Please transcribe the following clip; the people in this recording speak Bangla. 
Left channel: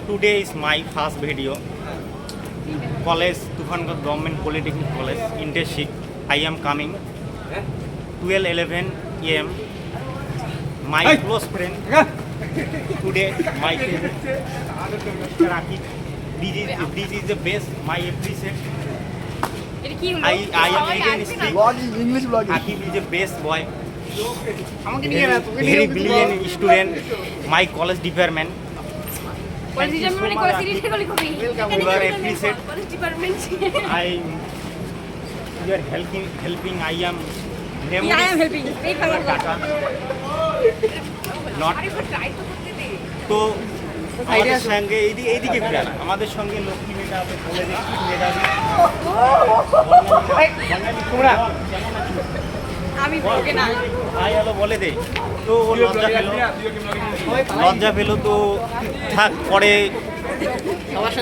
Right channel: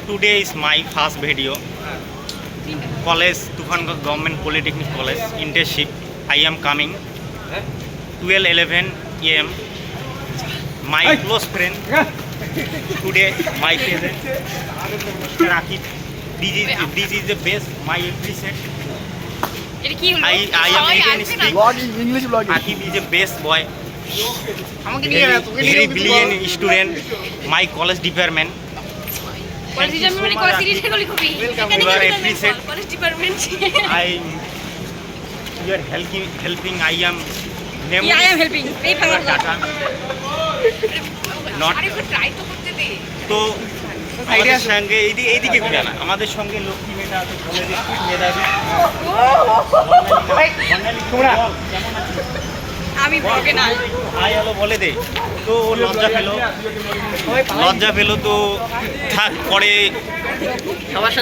Today is my first video. College, Tufangarh Government Polytechnic College, internship. I am coming 12:11 a.m. My close friend today, my favorite, Rakib. This is the best. My appreciate. I am again speak. English vlogging. Akib is the best boy. Very brilliant student. My college department. Thank you so much, Akib. You are appreciate. I you are helping. I am helping. Tata. Not তো আমাদের সঙ্গে এইদিকে ঘুরে না আমাদের সঙ্গে লক্ষ্মী মেধা আছে কলেজে মেধাবী আমি ব্লগে না হাই হ্যালো বলে দে তো ও লজ্জা পেলো তো থাক পরে সবার সাথে